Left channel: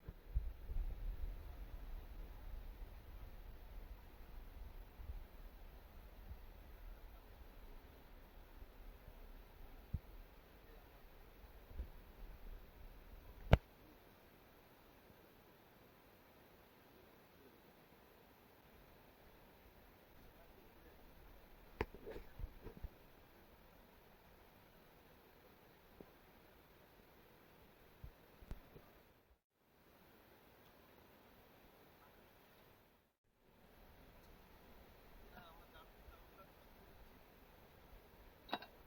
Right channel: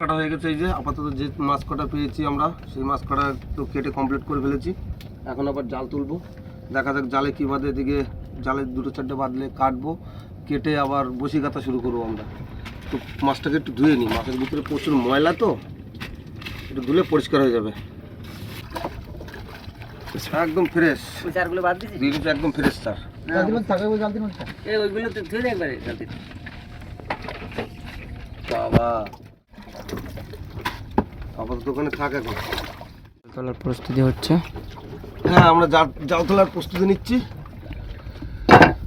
কাটা হয়ে গেছে। এই যে আপাতত যে মাছ কাটা পেয়েছি আমরা, সেই মাছ কাটা তো কেটে কমপ্লিট করে ফেলেছি। এখন আবার জাল তুলবো, দেখা যাক জালে কী বাঁধে। এদিকে জালে 2-4টে বাঁধলে কাটবো, কেটে আবার বসি কাটা শুরু করবো আমরা। তো মাছটাকে একটু ধুয়ে নিই, মাছের ভিতরে প্রচুর ময়লা, তো একটু ধুলে পরিষ্কার হয়ে যাবে। একদম ফ্রেশ চারগুলো বাদ দিয়েছি, একদম ফ্রেশ স্যার। ওইগুলো তো ধুয়ে একবারে বাবা আপাতত ওখানে থাক। এখন তোলার প্রস্তুতি হচ্ছে। হ্যাঁ, আমরা জাল তোলার প্রস্তুতি নিচ্ছি।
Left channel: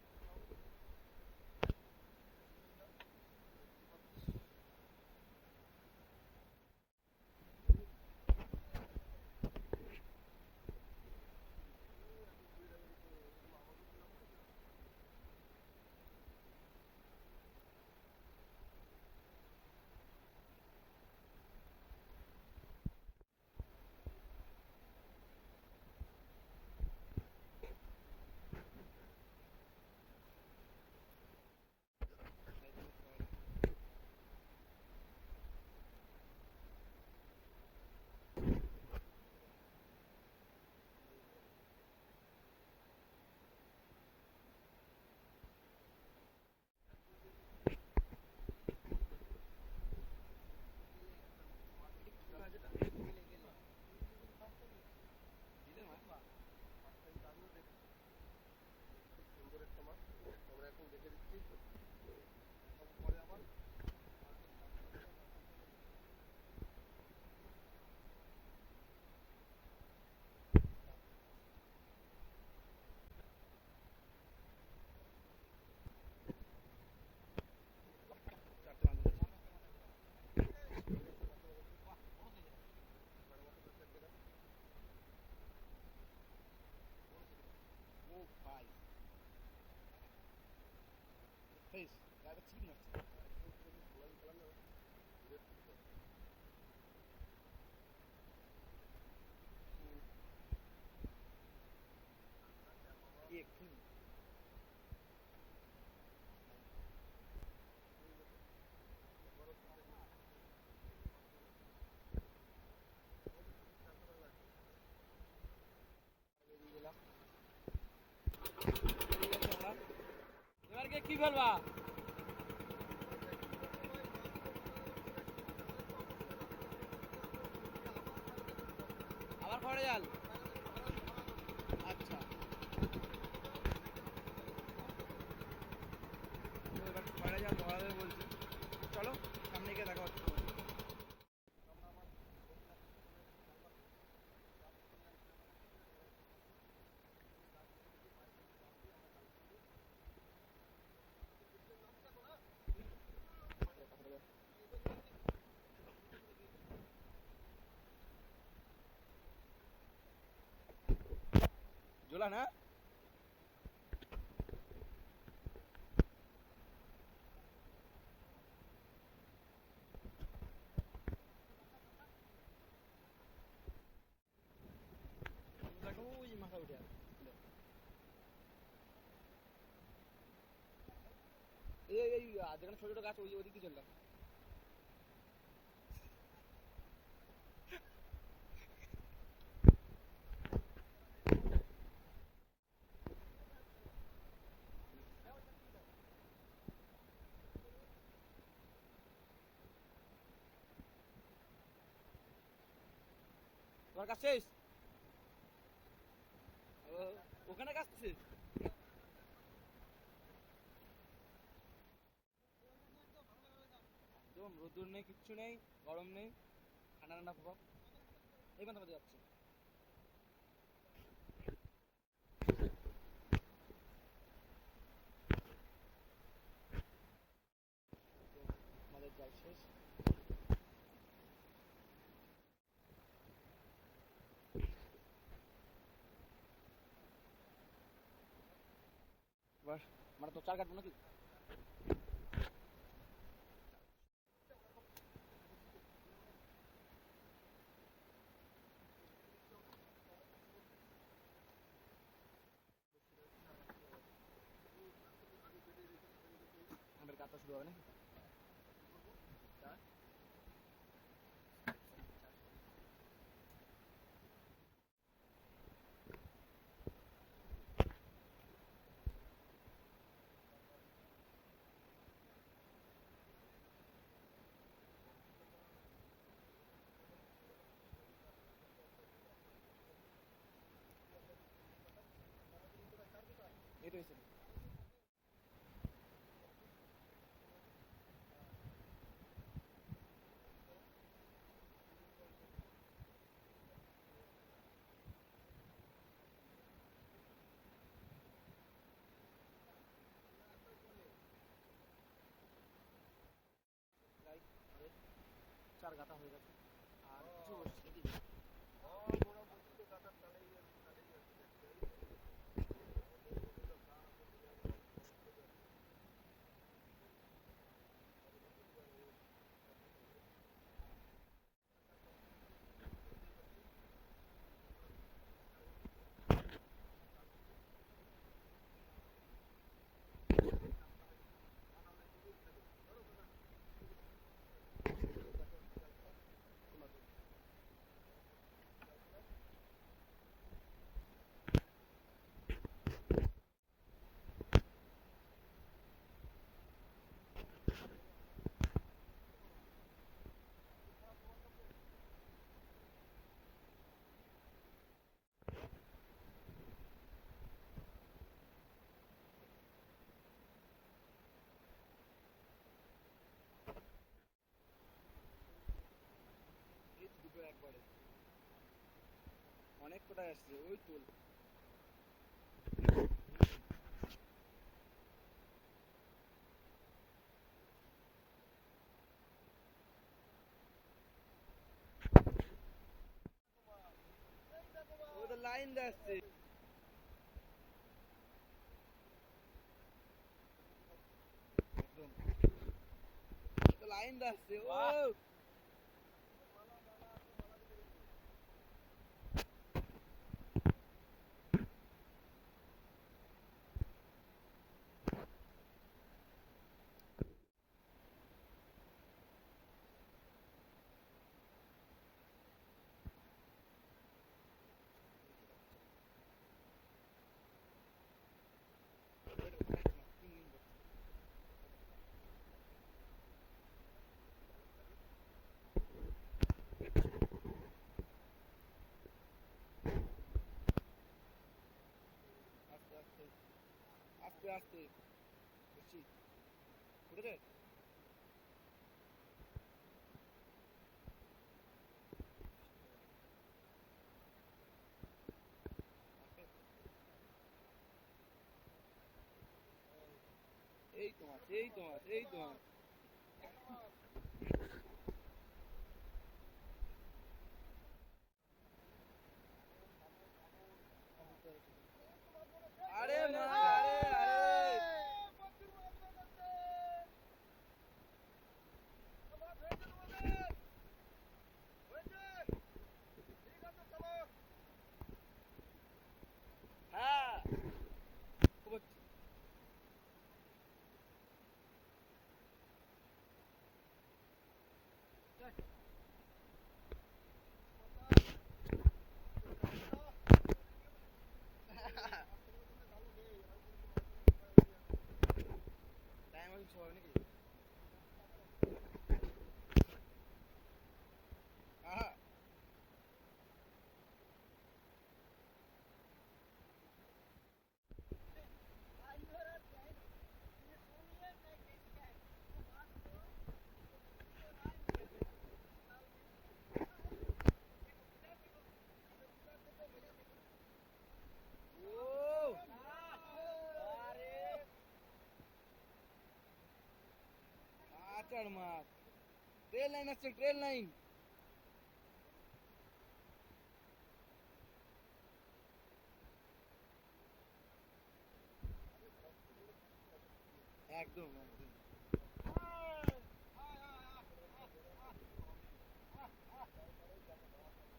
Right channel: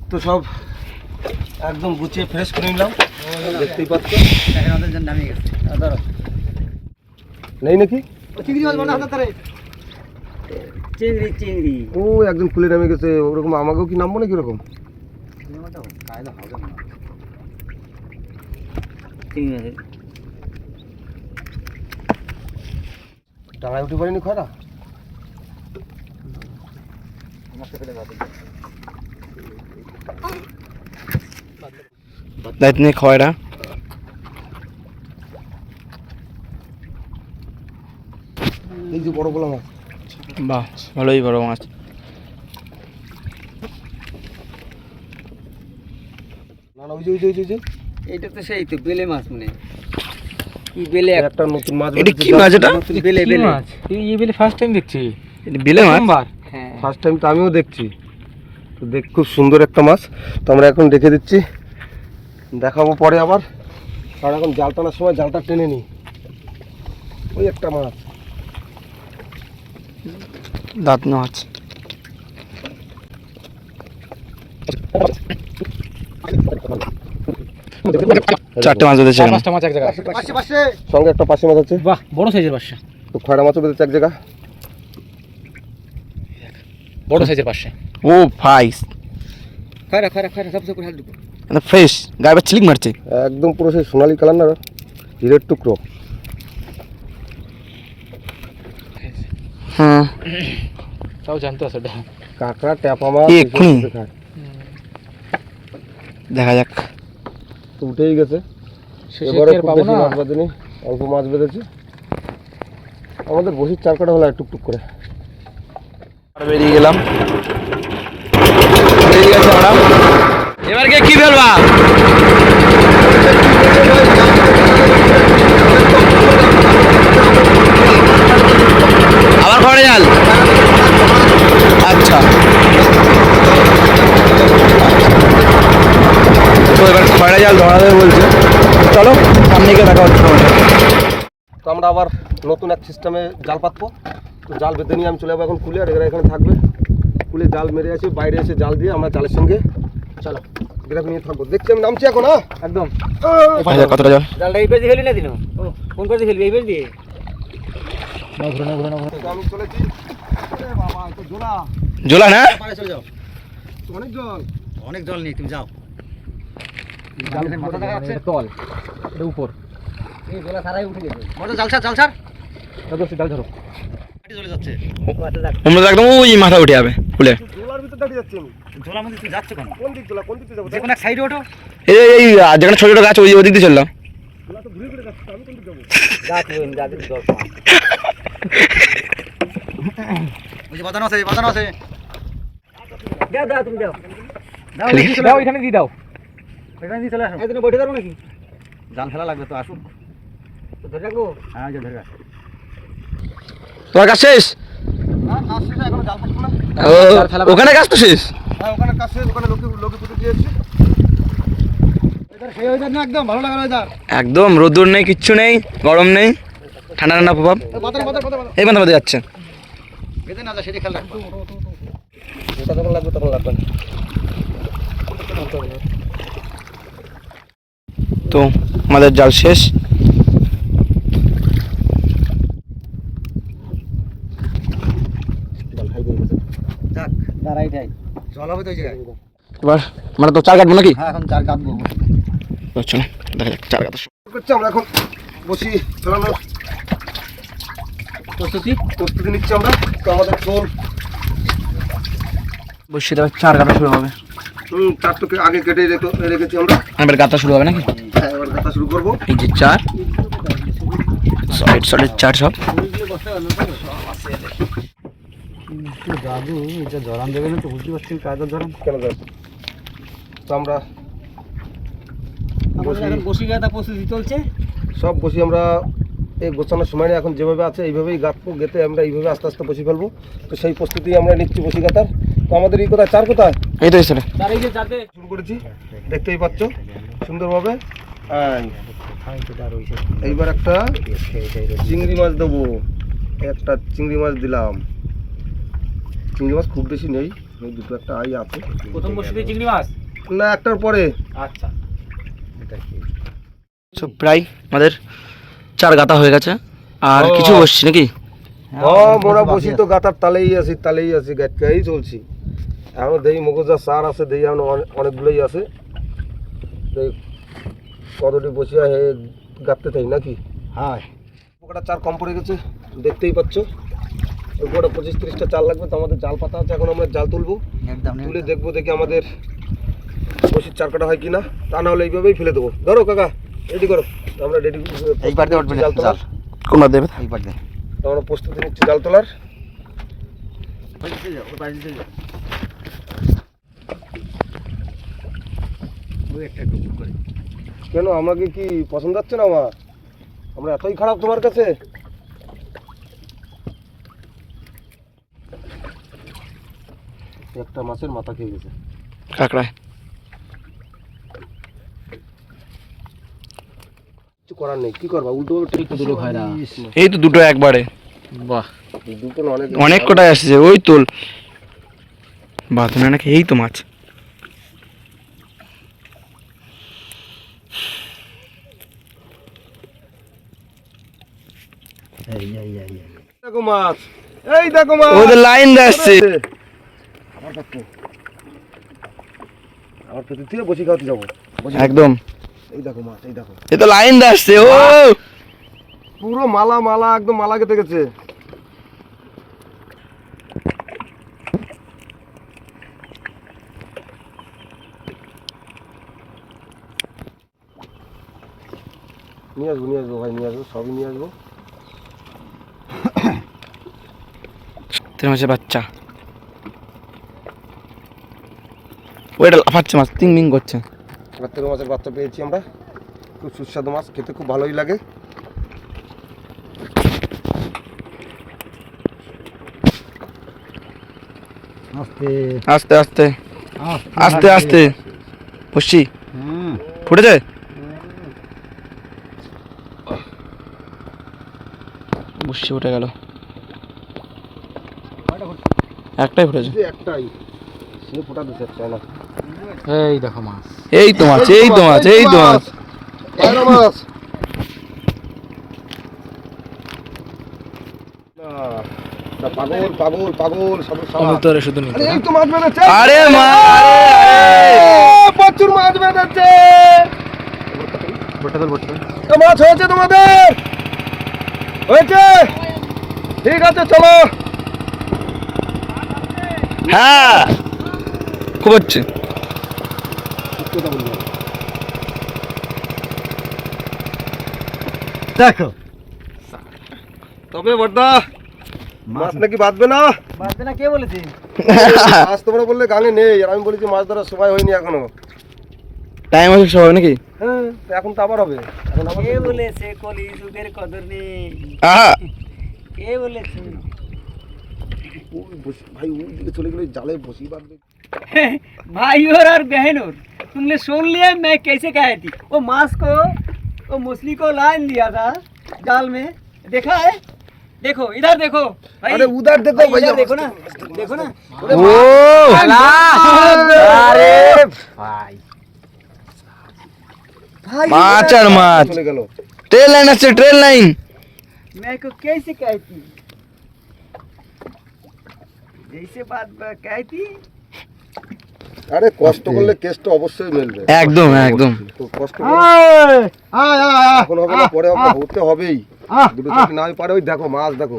তো সব একদম গুছিয়ে ফ্রেশ করে নিলাম, দেখতেই পাচ্ছ। নামিয়ে গেছে নেই নাকি চিংড়ি চিংড়ি ও একদম খুলে নামে গেছে। ওরকম আমাকেও কি নামবো নাকি ওরকম? টাঙায় উঠে পারিনি খরা। দায়িত্ব নিয়ে খয়রা এই যে বড় বড় মাছ। বাহ, ভালোই বড় মাছ। না না, ওই যে এইটা তো সেই তো বেলে মাছ, মানে কি বেলে একটা নতুন মাছ। এটা কি মাছ? এটা বেলে বেলে মাছ। এই বেলে ফার্স্ট টাইম দেখছি। এটা বেলে মাছ। হ্যাঁ, ফার্স্ট টাইম তো আমিও দেখছি। তো দেখ, খুব সুন্দর একটা মাছ। তো আমরা এখন রেখে দিচ্ছি, দেখাবো পরে আবার। কারণ এখন জাল টানার সময় জালটা টেনে নিই। ওই একটা মাছ, দাঁত মাছ। চারটে মাছ বেঁধেছে, পাঁচটা মাছ এক জায়গায়। সঙ্গে একটা পাশে মাছ আছে। বাহ, বড় সাইজের পাঁচটা, তো খয়রা মাছও বেঁধেছে এক জায়গা। বড় সাইজের পাঁচটা। ও ভাই, খয়রা খয়রা খয়রা সব করে হাল ঢুকো। ফ্রেশ, গায়ে আবার চিলিক মারছে। একদম পুরো সেই সোনালি কালার না, হিরের টুকরো। হ্যাঁ, তাও জানতো আছে এটা। কাঁকড়া, ট্যাপা মাছ এক্ষুনি এসব খায়। দেখা যাক। তো উঠেই গেছে। শেষে এবারে টের খুব পাবো বেশি না। মাছ বাঁধেনি, অল্প মাছ বেঁধেছে। আমাদের বসির চার কাটা হলো টুকটুক করে। বেরিয়ে গেলাম, বেরিয়ে গেছে আমরা। এবার কে কি ফেলবা? আবার খড়ে জাল। আচ্ছা, তো এবার খড়ে জাল ধরা দেবে বলছে। চলো সামনে গিয়ে দেখা হচ্ছে আমাদের। তো আমরা আবার নতুন এক সিস্টেমে জাল পাতবো। তো জাল বেঁধে নিয়ে আমি চলে যাবো এখন কুলে, আর এরা এখানে থাকবে। কুলে জাল মেরে আসি, বাইরে এসে জাল দিয়ে আমরা জালের সঙ্গে চলো গ্রাফ নিয়ে থাকবো। দেখছি আমি নামছি এখন। হ্যাঁ একদম। কতটা জল? জালটা এই পেজ দিয়ে ফেলি না দিন। ও ফোন করে ফেলবি এই পেজ দিয়ে। না ঘুরে না ঘুরে না ঘুরে। তো আমি চলেছি। আরে বাবা, এত জোলা। জোলা না? পাড়ে চলে যাও, অনেক জল। অনেক জল নেই, তুমি যাও। জাল মাথা দেখা যাচ্ছে, তল এটা উপর। এই জোলা সারাই উঠে গেছে। মোটর জাল ছাড়, জাল ছাড়। দাদু জাল ধরো। কাটি চলে যাচ্ছে। আমরা একদম ওই মাথা উঠে যাবে ফুলে। জোলার ভিতর দাঁড়িয়ে যাচ্ছি আমি। জোলা মধ্যে তুমি যাচ্ছ কেন? কোন দিক জোলা, কোন দিক দিয়ে যাবো? যে কোনো এক সাইডে ওঠো। এই যেখানে ছোট ছোট গাছ ওই ওদিক দিয়ে চললাম। জোলা তো ঘুরে ঘুরে যাচ্ছে, আমি কোন দিক যাবো? যা তুমি যা দিবি জল। ওই যে বাঁধানো আছে, বাঁধানো আছে। দাও দাও, তুমি দাও। দাও এখানে দিয়ে দাও। এখানে দিয়ে চলে আসো। এখানে বসে দাও নাকি? জাল ফেলা লাগবে তো, আসুক। তো ধরে রাখবো? হ্যাঁ, যে ধরে রাখ। তোমার কাজ শেষ? না, কাজ শেষ, এখনো জাল পাতবো না। ওখানে কাজ তো শেষ। হ্যাঁ, ওখানে কাজ শেষ, ওখানে লোকে পুঁতে দিয়েছি। সেই ওয়েদার না, একদম ভালো লাগার ওয়েদার। একদম রোদ্দুর নেই, কিচ্ছু নেই, গরম নেই, ঠান্ডা ঠান্ডা প্রভাব। এই বান্ধব যাচ্ছে। বেঁধে না যা, সেটা খেয়াল রাখবো। যেটা যখন লাগবে তখন লাগবে। তো আমাদের জাল শেষ। যাক, দাঁড়াই যাই। জল হবে তো ওই জায়গায়। এবার আমরা তো চার কাটবো নাকি? হ্যাঁ, এখন চার কাটবো। চলো দেখা যাক চার কাটা করছি আমরা এখন বসি ফেলানোর প্রস্তুতি নিচ্ছি আমরা। তো আমাদের ঝোল বসিয়ে দেওয়ার চার কাটা শুরু হবে। চারটুকে আগে কেটে রেখেছি আমরা। এবার গাঁথা শুরু হবে নাকি? হ্যাঁ, এবার গাঁথা শুরু করবো। এই যে চার, সলিড সলিড চার সব। দাদু এটা জরান দেবে না তো, বুঝতে পারছি কায়দার জরান কেন দেখ, তো আমরা বসি গাদা প্রস্তুতি চলছে। সব বসি আমরা এই গোছানোর সময় নেই, এখন যেভাবে আছে এইভাবেই গাঁথবো, গেঁথে আমরা এইভাবে আস্তে আস্তে বসি ফেলবো। তো সেই প্রস্তুতি আমরা নিচ্ছি বসি গাঁথার। তো আমাদের এই কোথায় চার কোথায় এই তো এসে শুরু করেছি, দেখতেই পাচ্ছ সুন্দরভাবে। এইবার একটা চিংড়ি মাছ দেবো, একটা চিংড়ি মাছ দিলাম। চিংড়ি মাছ খুব বেশি নেই, ওই দুটো একটা আই আছে। প্রথম বসিতে চিংড়ি মাছ না, একটার পরে। আচ্ছা সব প্রায় আমাদের চার গাতা হয়ে গেছে, আর কিছু বসছি নাকি? মোরা বসি তো গাতার তালেই আছি গাটকাই চলছি। এখন দেই মগজা সার আছে, দেই এখন অনেকগুলোই আছে। কতটি বসিয়া হে গাঁততে থাকি নাকি? হ্যাঁ পোকাটা চার কম পড়ে গেছে, দেখতেই পাচ্ছ। ওই পোকাটা 25-30টা চাল লাগবে। তো আমাদের জাল পাতা আছে, এখন আমরা জাল তুলবো, তুলে দেখবো দেখি আমাদের বসির চার কাটা হয় কিনা। তা না হলে এইভাবেই ফেলে দেবো। ধরো কাকা, রেডি করো, আমরা রেডি জাল তোলার। কোনটা দেবে? আমরা প্রস্তুতি নিচ্ছি জাল তোলার। কেন, আমাকে কি পছন্দ হচ্ছে না আমার? আমরা এতই খারাপ তোমার কাছে? একটা মাছের মাথা খেয়ে গেছে কাকড়ায়। কিছু করার নেই, কি করবা, উল্টো দুটো খায় না। এই তো দুটো একবারে, বাহ দুটো না, অনেক অনেক কটাই আসছে। ওই তোল বাঁধনে নাকি, এই তো মাছ। দেখো মাছ, এই দেখো মাছ। ওদের লাইন আসছে। আমার প্রতি থেকে বসি খাওয়াতে যাবো একদম। এই দেখো মাছ, এই দেখো, এ তো লাইন আসছে। ও পুরো মালা মালা, একদম মালা কেটে গেছে। নিয়ে আসবো ভাই, নিয়ে আসবো, সবই নিয়ে আসবো। তিন মাসের বাচ্চা, ওইটা লাফাচ্ছে মাছ, তিন মিং করছে। তেরো মাছের বাচ্চা পেয়েছি আমরা, খুব সুস্বাদু মাছ, খেতে খুব ভালোই লাগে। আস্তে আস্তে আস্তে আস্তে বসছি, ফুটেছে। বসছি উঠে গেল, একটাই ফুটেছে। একটাই সে ফোটা দিতে চায় না। এই দেখো মাছ, এই তো মাছ, এই তো মাছ, এই তো মাছ। পায়রা মাছ। পাগল পাগল পাগল সব অমৃতরে শুধু নিতে। এই তো মাছ বেঁধেছে। আরে মা, প্রচুর মাছ বেঁধেছে। মাছ হয়েছে তোমাদের? হয়েছে, ঠিক আছে চলো। হ্যাঁ খুব হচ্ছে। দেখো তবে বড়দা মাছ নাকি বাঁধবে না? বাঁধবে না কে বলেছে? মাছ তোমরা বললে গাঙে নেই, আর আমি বলেছি মাছ ধরার সময় হয়নি এখনো। টাইম আছে সবাই নাকি? হ্যাঁ, তো এখন তো আবার হবে। এখন আবার কে বলেছে কলি যুগের কদর নেই? আহা, কে বলেছে? ভাই ওই দিকে চলে গেলে জালে বসি বাঁধবে। भाई और बहन और तुमने सुन लिया मैं कैसे कहा थी? वो मांस को, वो मछली को लाइन दिया था जाल में, देखा है? देखो इधर देखो भाई, अरे उधर देखो भाई, भैया, इधर देखो ना, देखो ना। ও अरे भाई মাছ আর মাছ। চলে গেল। ট্রেন লাইন আসছে, ট্রেন লাইন। मैं को कैसे कहती, जैसे बात कहती। আরে কষ্ট করলে কেষ্ট অবশ্যই মিলবে। একদম একদম। তো কষ্ট করো, এখন হবে না, পরে হবে, হতে হবেই। দুটো যদি নাই পারে, ওই দেখো মাছ দেখো।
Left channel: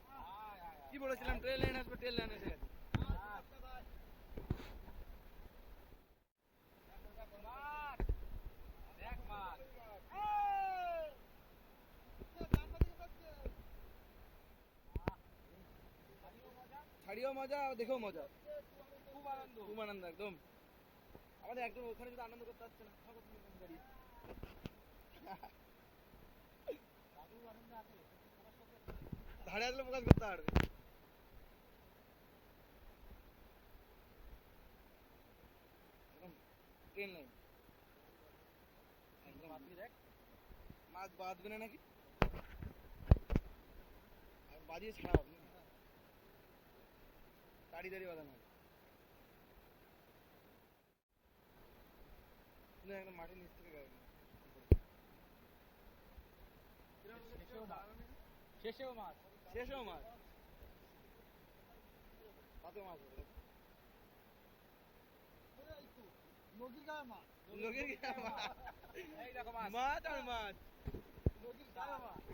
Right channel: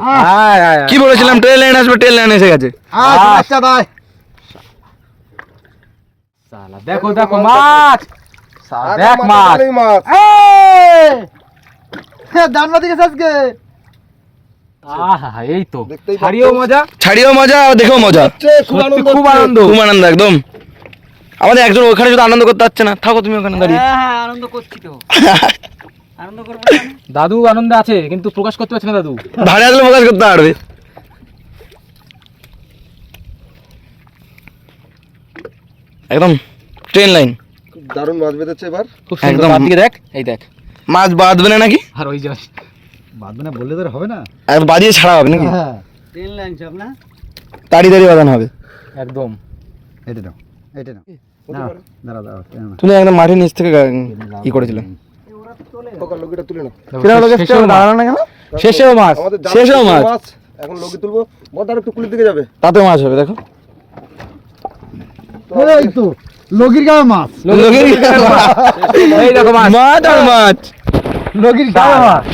কি বলেছিলাম ট্রেন লাইন আসবে, ট্রেন লাইন এসে গেছে। আচ্ছা ভাই সালা দেখো দেখো মাছ, আর দেখ মাথা মাছ, টানেই মাছ। দানবা দিকে আজকে আহা এই তো দেখতেই ছাড়িও মজা ছাড়িও মজা আর দেখেও মজা, খুব আনন্দ খুব হচ্ছে। আনন্দ। খুব আনন্দ একদম। আমাদের একজন ওখানে শুধু আনন্দ করতে পারছে না, থাকো তুমি ওখানে দাঁড়িয়ে। হ্যাঁ আনন্দ করছি তো আনন্দ করবো দাদু আনন্দে আছে কিন্তু প্রকাশ করতে পারছে না দাদু। ধারে আসলে প্রকাশ করতে পারবে। একদম ট্রেন লাইন, খুব দারুণ মাছ বেঁধেছে এবার। খুব সুন্দর। একদম। তার দিকে দেখ, এই দেখ মাছ বাঁধবে না নাকি? আর ওই যে বাঁধবে না বললে তো আর হবে না। আর বাজিয়ে ছাড়া হবে নাকি? হ্যাঁ ট্রেন লাইন সব না তাড়ি তাড়ি বাঁধানো হবে। একদম। এটা দাও এটা দাও দাঁড়া দাঁড়া তুমি একদম মাটির নিচ থেকে ই করেছিলে। খোকা লগিটা তুলে নাও। শেষেও মাছ। দাঁড়ানো না কেন? শেষেও মাছ। আমাদের জাল শেষেও শেষেও মাছ। মাছ। এখন লগি তুলবো, বড় একটু কুলির দিকে যাবে। তাতে মাছ হবে দেখো। এই তো লগির গায়ে মাছ এই দেখো মাছ। মাছ আর মাছ। লগির গায়ে মাছ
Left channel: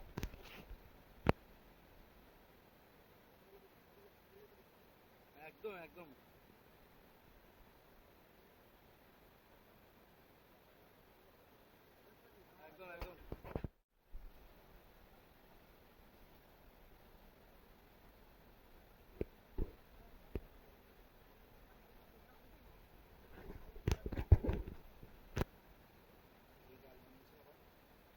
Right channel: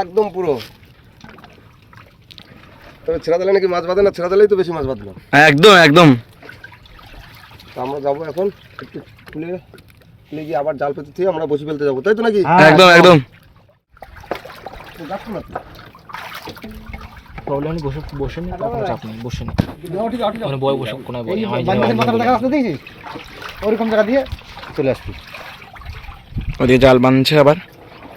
একদম পুরো। তবে ছেড়া দিলে নাকি মাছ বাঁধে না, ছেড়া দিলেই তো বেশি মাছ বাঁধলো। একদম একদম। তো আমরা যাবো এখন একটু খুলে খুলে গিয়ে আবার জাল পেতে থেকে আমরা বসে ফেলতে যাবো, তাই তো নাকি? একদম একদম। তো যাচ্ছ না তো? প্রবলেম বসে বসে নি, কোনো চাপ নেই, বসে নি। মানে বয় বসে কোনায় বয়। আমি মাথাটা দেখা রাস্তা দেখছিস ওরকম জায়গা দিয়ে চলে আসবি। ওদিকে জাল বাঁধছে আবার।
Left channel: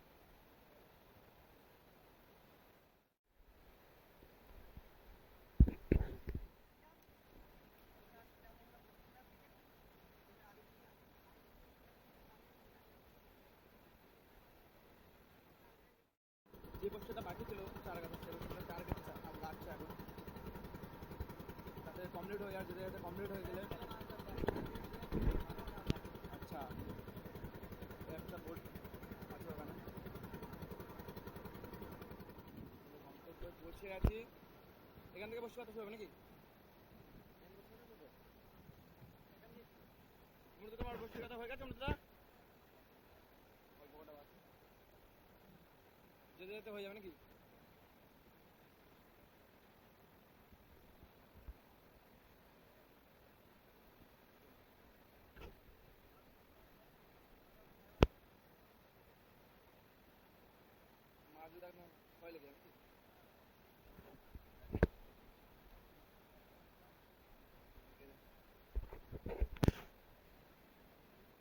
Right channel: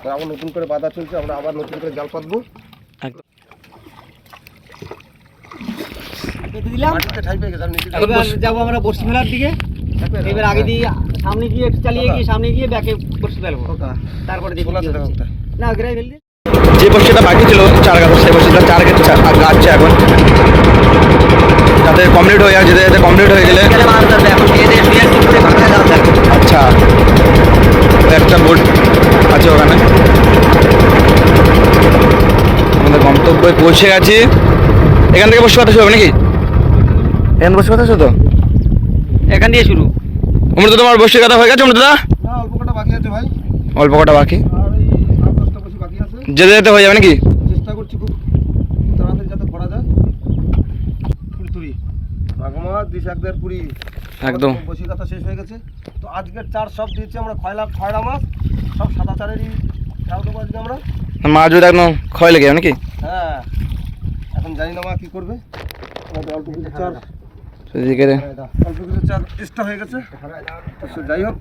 তো আবার নতুন করে বাঁধা চলছে, আমরা আবার নতুন করে জাল পাতবো। একদম। পেতে দিলাম। মাটিতে ঠাই পেয়ে গেছে, আর নিচে এবার যাবো আমরা বর্ষি ফেলার দিকে। এবার আগে দিয়ে সামনে গিয়ে একটু চালিয়ে গিয়ে সামনে গিয়ে ব্যাকে বর্ষি ফেলবো, তারপরে দেখি খোলা কি আছে দেখো হচ্ছে। একটা। না গ্রাই ফেল দিয়ে যে বসিটা বাকি ছিল চার গাছ, সেই বসিটা চার গাছছে এখন। যাতে কমপ্লিট হয়ে যায়, যেতে যেতে কমপ্লিট হয়ে গেলে। আচ্ছা, ওই একটা বোট আছে ওখানে। আমাদের গন্তব্যে পৌঁছে গেছি। এখান থেকে বসে কথা শুরু হবে নাকি? এখান থেকে বসে কথা শুরু তো? এখান দিয়ে শুরু। অমৃত, তোমার বসে কথা হয়ে গেছে অমৃতদা? না, অল্প কটা বাকি আছে ভাই, অল্প কটা বাকি, আর এই 8-10টা বসে বাকি আছে। যেতে যেতে হয়ে যাবে নাকি? চেষ্টা করছি খুব তাড়াতাড়ি যাতে করা যায়। তুড়ি মাগমা দিশ একদের পুরি একদম। বসি কথা শেষ হয়ে গেছে। তো আজকের চার সব দিয়েছি আমরা খয়রা মাছ, সব সাদা চারেরই চাল দেবো আজকে আমরা। মাছ যদি একদম ক্ষয় লেগে যাবে নাকি? হ্যাঁ, এখন জানি না মা কী করবে। আমাদের অল্প কিছু চার সেদিকে অল্প কিছু চার চেষ্টা হয়ে গেছে। তো সে যাই হোক,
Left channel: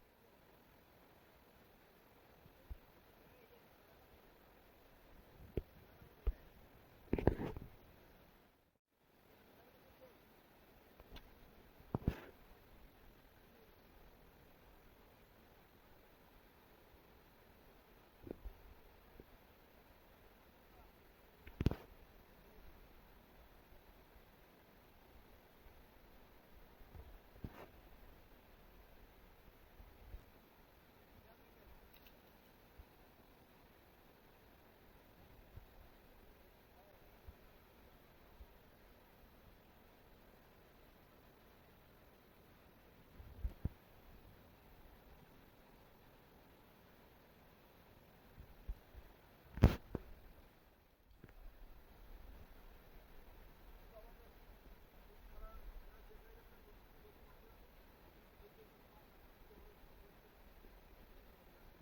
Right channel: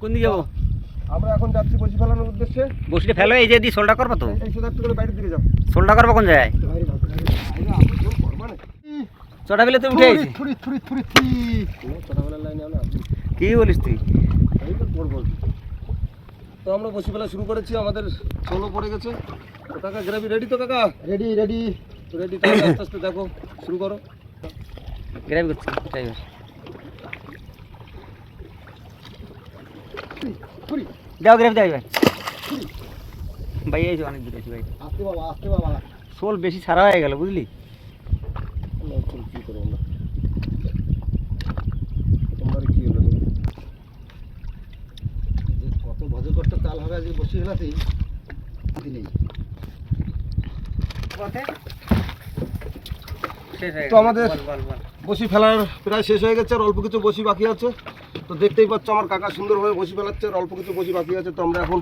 কোন দিকে যাবো? আমরা এখন যাচ্ছি বসি ফেলানোর উদ্দেশ্যে। বসিটা ফেলো, এই যে দিয়ে সোলটা করবো তো। এই শুধু একটু করে বাইরের দিকে যাও। সোলটা করবো কোন জায়গায়? চটা ফেলে তুমি উঠে আইছি। ছোটবেলার লাইনে না, কি বলিস তুই? এই তো করবো। তো আমরা বসি ফেলা শুরু করেছি, আমাদের ষোলো পড়ে গেছে। তো কাকা গ্রাভি রেডি তো কাকা? Ready ready ready. তাহলে আস্তে আস্তে দেখো, শুরু করো। গ্রাইভ করছি ড্রাইভার। দাও গ্রাইভ দাও ভাই। ভাই এই যে অনেক দূর আছে ভাই। আস্তে বাবা, আস্তে বাবা। সোল বেশি সারা হয়ে গেল বুঝলি? কি করবো আমরা? প্রথমবারে কি হলো? কত ভজে করতে তাল হবে আজকে বসি ফেলাতেই নেই। তো আমাদের বসি ফেলার প্রায় শেষ হয়ে গেছে, আর অল্প কিছু বসি বাকি আছে। তো দেখতেই পাচ্ছ আমার কাকা সুন্দরভাবে বসি ফেলাচ্ছে, আর অল্প কিছু বসি বাকি আছে। তো আমরা এখন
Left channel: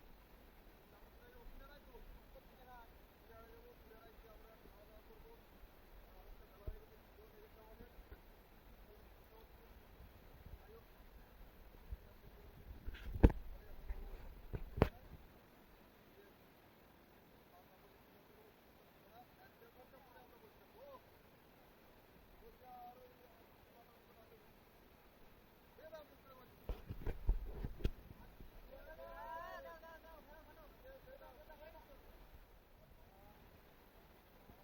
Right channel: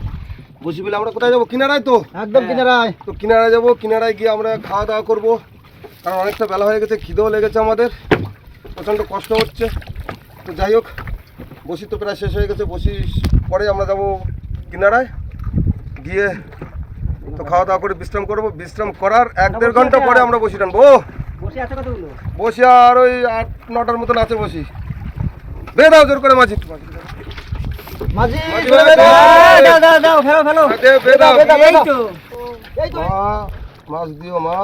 বসি ফেলে আমরা কোথায় যাবো? কিনারায় তো? একদম কিনারায়। তো কিনারায় যাবো, কিনারায় গিয়ে আমরা খাওয়া দাওয়া করবো, কারণ অনেকটা বেলা হয়ে গেছে, খিদেও লেগেছে আমাদের, প্রচণ্ড কষ্ট হচ্ছে। তো যাই হোক, বসি তো প্রায় শেষ হয়ে গেছে। বসি পরে আমরা যাব কিনারায় গিয়ে তো খাওয়া দাওয়া করে বিশ্রাম করবো। বিশ্রাম করার 1-1.5 ঘন্টা পরে আমরা বসি টানবো। বসে আছে কতগুলো? বসি আর ওই 8-9টার মতন আছে বসি। বে দাও জোর করে মাঝি। মাঝি মাঝি দাও ভাই, দাও দাও দাও ফেলো ফেলো। দে, বে দাও। এই তো মা, মাছ দিও মা।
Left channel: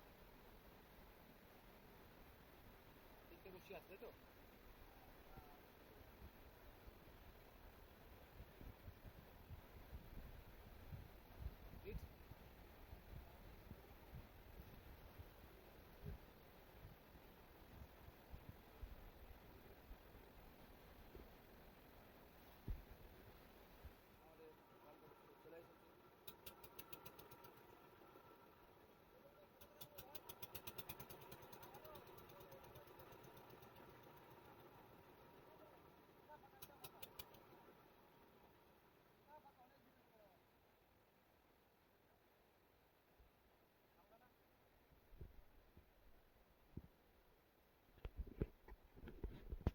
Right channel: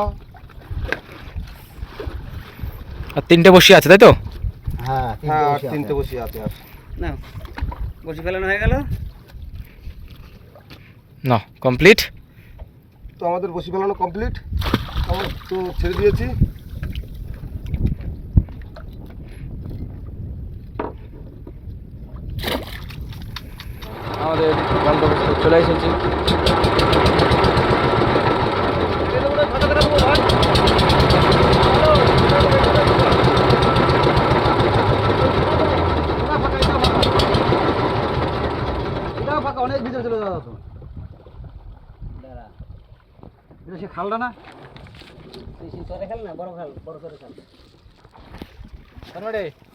আর তিনটে বসে আছে তাই তো? হ্যাঁ হ্যাঁ, আর 3টে বসি আছে আর। না বসে ফেলানো হয়ে গেল। না কমপ্লিট। তো আমাদের বসি ফেলানো কমপ্লিট, আমরা তো ছেড়ে দিয়েছি। আমাদের গন্তব্যস্থলে চলে এসেছি। পাকা অনেক ভিতরে চলে যাওয়া তো এটা সে খালটা না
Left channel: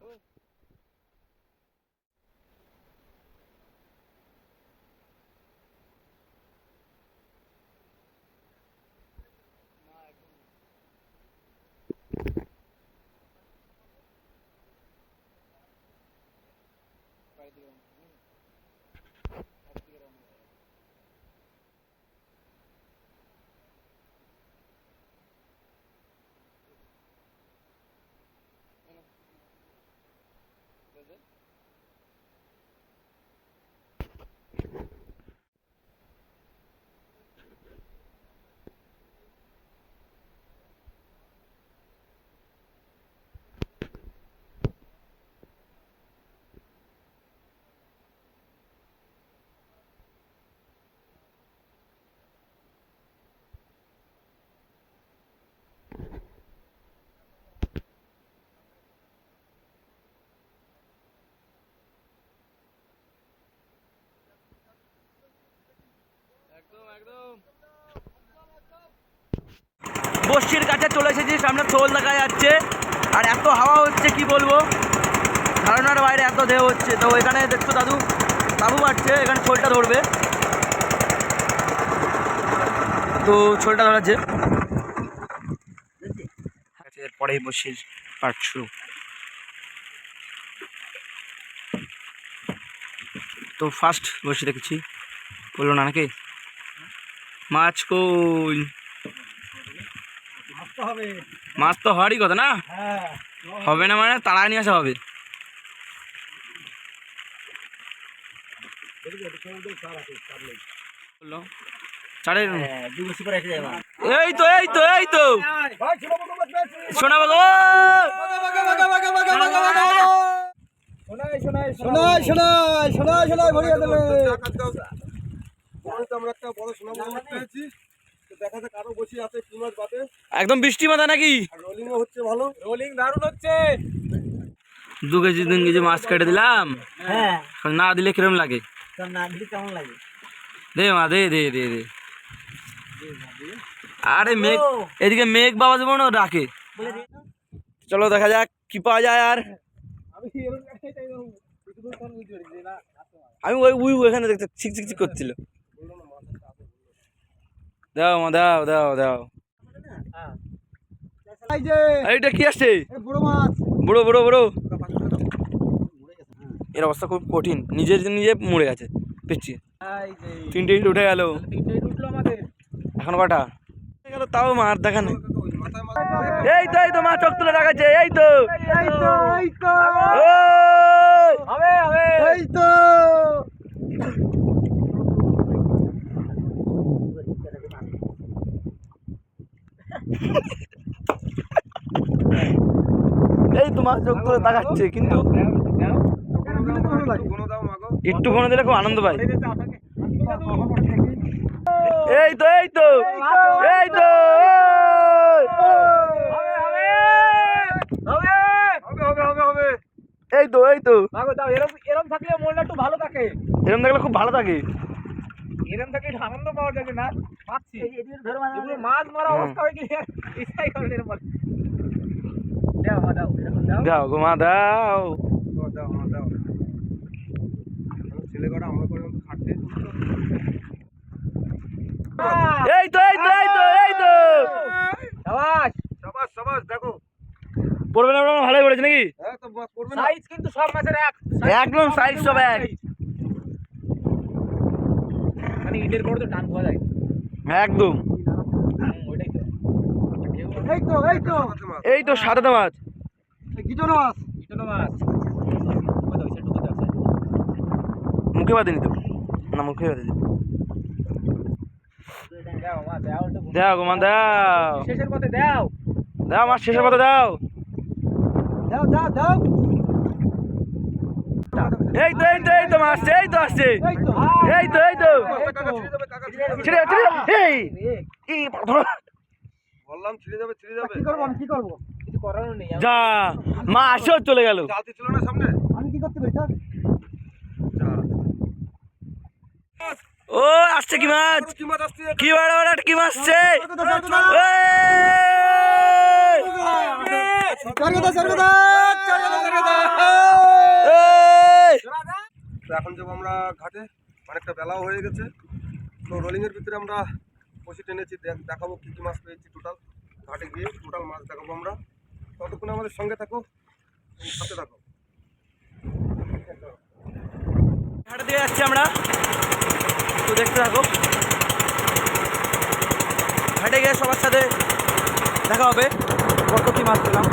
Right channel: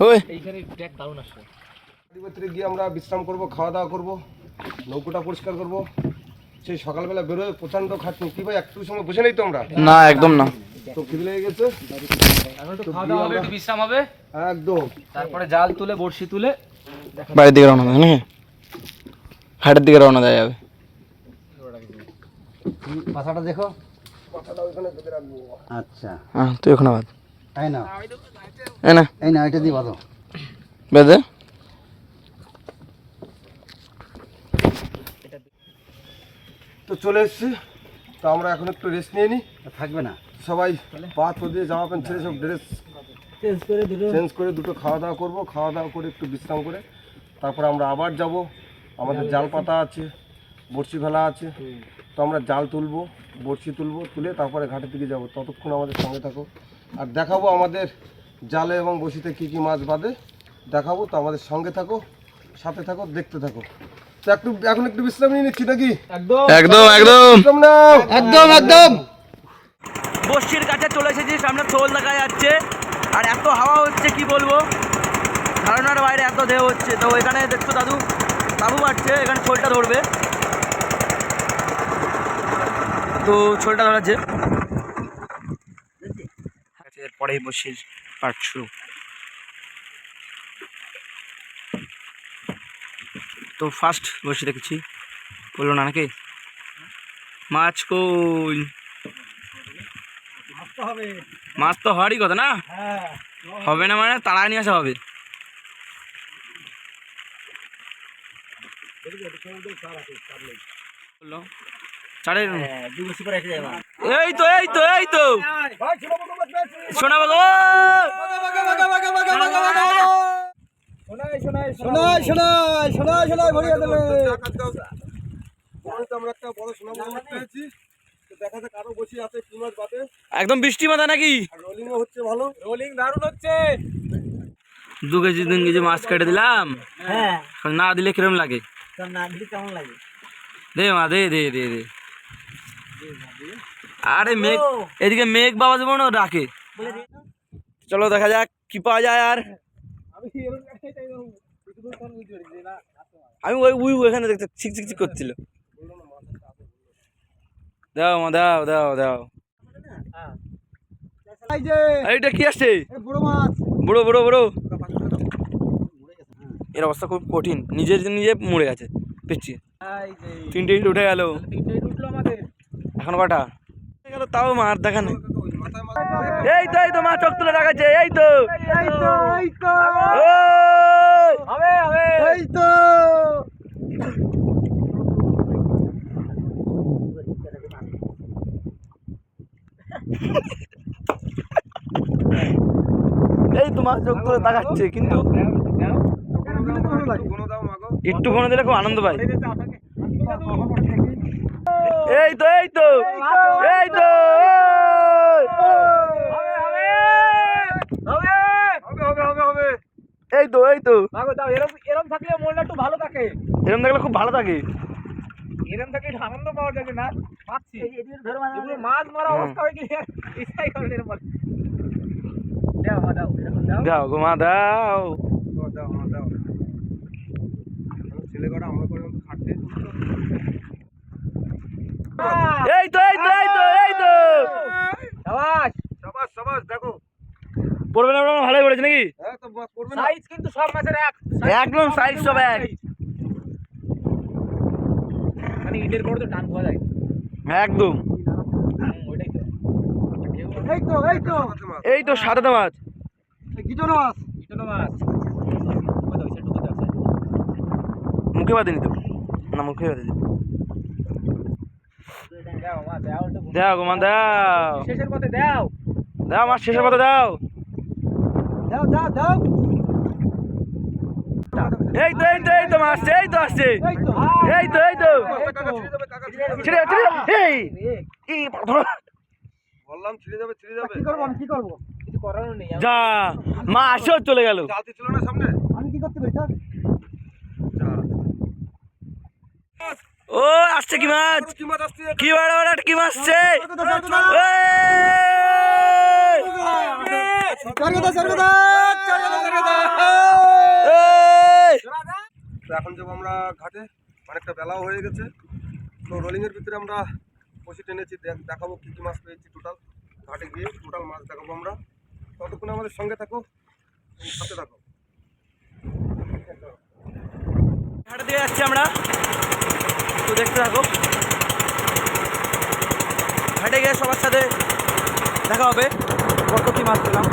ওই এইখানে ট্র্যাক দারুণ আসছে। ভিতরে গিয়ে আমরা বিশ্রাম করব, খাওয়া দাওয়া করব, নৌকোটা পরিষ্কার করব। সেই সকালবেলা বেরোয় প্রচণ্ড খাটনি, কি ভাই একটু সময় বসে নেই তো আমরা, না একদম না, তো খিদে লেগে গেছে। এখন একটু খাওয়া দাওয়া হবে, একটু বিশ্রাম হবে, একদম তারপরে জাল তুলে বড়শি তুলে বাড়ির দিকে রওনা দেয় নাকি, হাটের দিকে রওনা দেওয়া যাবে। পাশাটা দেখো। মাথাটা ওইখানে বেঁধে রাখবো। আচ্ছা হ্যাঁ তুই ওখানে বাদ, এই না এই না এই না এটা দিয়ে বাঁধো। বেঁধে। তো চলে এসেছি, তো আমরা এখন একটু রেস্ট নিয়ে নিই। থাকবে না সবাই পা তো দিয়ে জামা প্যান্ট ছেড়ে সব ড্রেস চেঞ্জ করে দুটো খাওয়া দাওয়া করবো, খাওয়া দাওয়া করে একটু বিশ্রাম করে তারপর আমরা আবার যাব। আমাদের জাল পাতা আছে, বড়শি ফেলা আছে, তো আমরা জাল তুলবো, বড়শি তুলবো, তুলে তারপরে ঘাটের দিকে যাব। ততক্ষণ আমাদের সঙ্গে থাকো, আর দেখাবো আমাদের জালে এবং বড়শিতে কী কী মাছ বাঁধে দেখাবো। তো আমাদের সঙ্গে থাকো, সাথে থাকো, দেখতে থাকো। তো এখন একটু বিশ্রাম নিয়ে নিচ্ছি নাকি? একদম একদম বিশ্রাম নাও। একদম একদম বস্তির কাছে চলে এসেছি, সামনে শোল দেখা যাচ্ছে, আর এত হাওয়া হচ্ছে কি বলবো, ধারণার বাইরে এত ঢেউ হচ্ছে। তো এখানে দেখছো দাদু বাবু পাচ্ছে, এখানে শোলটা ধরবে, তো শোলটা ধরাচ্ছে। এরপরেই বসির পার্ট শুরু। তো ফার্স্ট বসে দেখেছি, বললো না নাকি মাছ কই, মাছ তো হওয়ারই কথা না, হবে না মানে তাড়ায় নিয়ে আসা হবে। এই তো এই তো এই তো শোনা বাবা, শোনাই শোনাই শোনাই শোনাই ভরিয়ে দেবে। আমরা একটা বড় সোনা মাছ পেয়েছি, তো দেখা যাক আরো বসি আছে কি মাছ বাদে। একদম বৃষ্টি মাথা নাকি, আর রোলিংও হচ্ছে ভালো, রোলিং দারুণ হচ্ছে। 2 কেজি 3 কেজি মাছ কেটে দিলাম, হ্যাঁ না দিলে কিরম লাগে, না দিলে কেমন লাগে? দে মা দে দে দে দে। আরে মেঘ এদিকে মেঘ বাবা যেমন ডাকে, চলো দেখা যাক কি পাওয়া যায়। আর আমি ওই উই ওখানে দেখতে চিক চিক চিক করছিল। দাও মা দাও দাও দাও, এই যে এইটা কি আসছে, বড় মাছ। বড় বড় বড়। এর অবস্থা খুব কঠিন, নিজে মরে গেছে পিচ্ছি। 3টে ইট উঠে গেল, এখন কটা গেল তাও মার দেখা নেই। এই তো মা চোখ তুলে রাখাচ্ছে, এই তো এই তো এই তো ওই! হবে হবে এই তো। এই তো মা চোখ তুলে তাকাচ্ছে, কিন্তু একটু ফোনে দিলে খুব আনন্দ পাই। এই তো এই তো এই তো এই তো এই তো এরম থাকলে মনটা একটু ভালো থাকে, এরকম দেখলে খুব ভালো থাকে। এরম থাকলে একটু আনন্দ পাওয়া যাবে না পাচ্ছি। এগুলো মাছ মারা অবস্থা হয়ে গেলে ইচ্ছাই করে এরম বলে। দাও মা দাও দাও দাও গো মা দাও। ছেলে কটা আমরা করে খাটতে এই তো এই তো এই তো এই তো শাবাশ সাবাস সাবাস। দেখো পড়বে না, ভালোই পড়েছে নাকি, হ্যাঁ তো করবে না। সাইজ কিন্তু সব মাছের এক, একদম সাইজ সব এক, মানে ইটের বড় তো টান পাওয়া যায় একদম। ওইটাই তো। এই তো এই তো এই তো সাদা মাছ, গিটনো মাছ, গিটনো মাছ। কোথাও সেটু কোথাও মুখে বাঁধেনি তো, না মুখে বাঁধেনি। দাও মা দাও একটু। দাও গো মা দাও, শেষের পথে দাও দাও মাছ শেষের মতো দাও। দাও দাও দাও। এই তো এই তো এই তো মাছ, এই তো আসছে, এই তো এই তো এই তো ছিড়ে যাবে, ছিড়ে যাবে। এই এই ধরো, বললাম ছিঁড়ে যাবে ছিঁড়ে যাবে। কি করব আমি কি করব? কিছু করার নেই। যা মা আসেও চলে গেল। জালতি ছিল না সামনে। আমি কি করতে পারি স্যার? যা ও আসছে কি মাছ, কি মাছ আসছে? কি বড় বড় কি মাছ আসছে। তো এখন যাবো আমরা ঘাটে, অনেকটা বেলাও হয়ে গেছে। তো রোলিংয়ের ভিতরে আমরা বসে টেনেছি, দেখাবো কী কী মাছ পেয়েছি টোটাল। ঘাটে গিয়ে টোটাল মাছ দেখাবো আমরা। ততক্ষণ আমাদের সঙ্গে থাকো, সাথে থাকো। ঘাটে দিয়ে যাচ্ছি আমরা, তো দেখতে থাকো। ঘাটে গিয়ে সবার সাথে দেখা হবে কত কি মাছ পেলাম।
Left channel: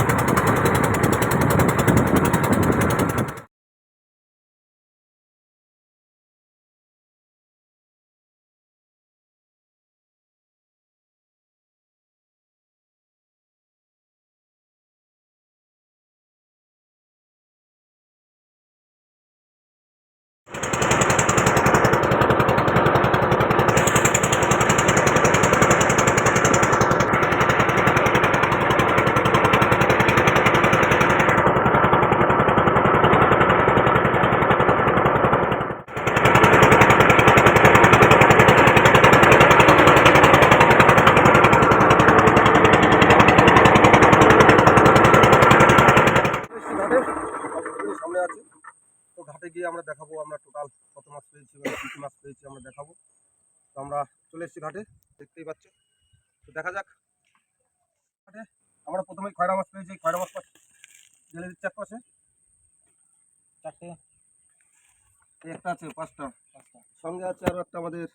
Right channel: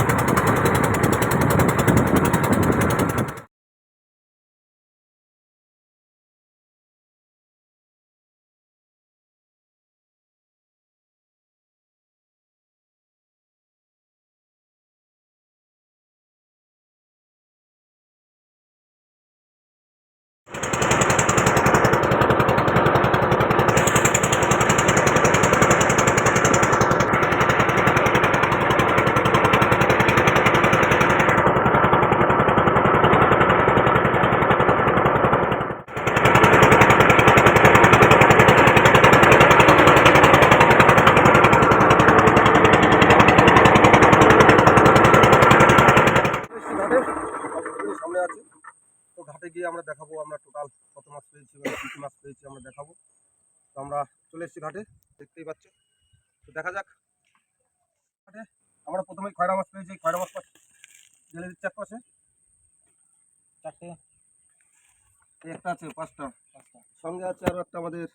ঘাটে সামনে আছে, তো ঘাটে গিয়ে আমরা দেখাবো আমরা টোটাল কত মাছ পেয়েছি, কী কী মাছ পেয়েছি আমরা দেখাবো। তো আমরা চলে এসেছি ঘাটে, দেখতেই পাচ্ছ। তো দেখা যাক। ঘাটে আমরা প্রথমেই খয়রা মাছ পেয়েছি। খয়রা মাছ জেলে দিচ্ছে এক পাশে, এই একটা আছে, পাঁচটা। সঙ্গে আছে আরও একটা আমাদের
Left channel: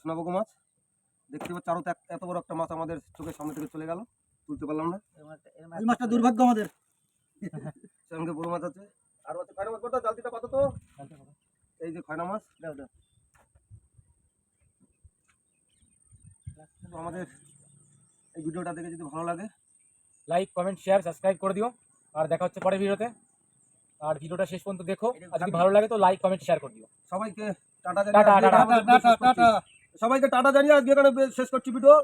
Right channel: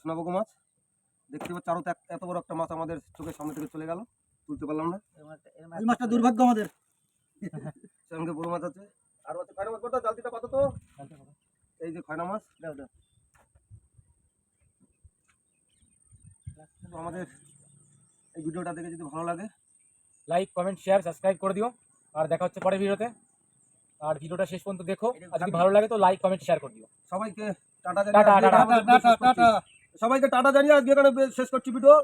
সোনাবগো মাছ। দেখতে পাচ্ছি আরও এত বড় একটা মাছ আমাদের চোখের সামনে থেকে চলে গেল, তুলতে পারলাম না। এই মাছটা দুর্ভাগ্য আমাদের। সঙ্গে বড় মাছ আছে, আরও আছে খয়রা মাছ। কোনটা জালতিটা পাতো তো, এই যে খয়রা মাছ। দাও দাও। তো আমাদের এই ভিডিওটা দেখে যদি ভালো লাগে, লাইক কমেন্ট শেয়ার সাবস্ক্রাইব করে দিও, আর দেখা হচ্ছে পরের ভিডিওতে। আর ভিডিওটা শেষ পর্যন্ত দেখো, আর যদি ভালো লাগে তো লাইক কমেন্ট শেয়ার করে দিও। সবাইকে টাটা টাটা, জানিয়ে টাটা। সবাইকে টাটা জানিয়ে আজকে এখানে শেষ করছি ভিডিও।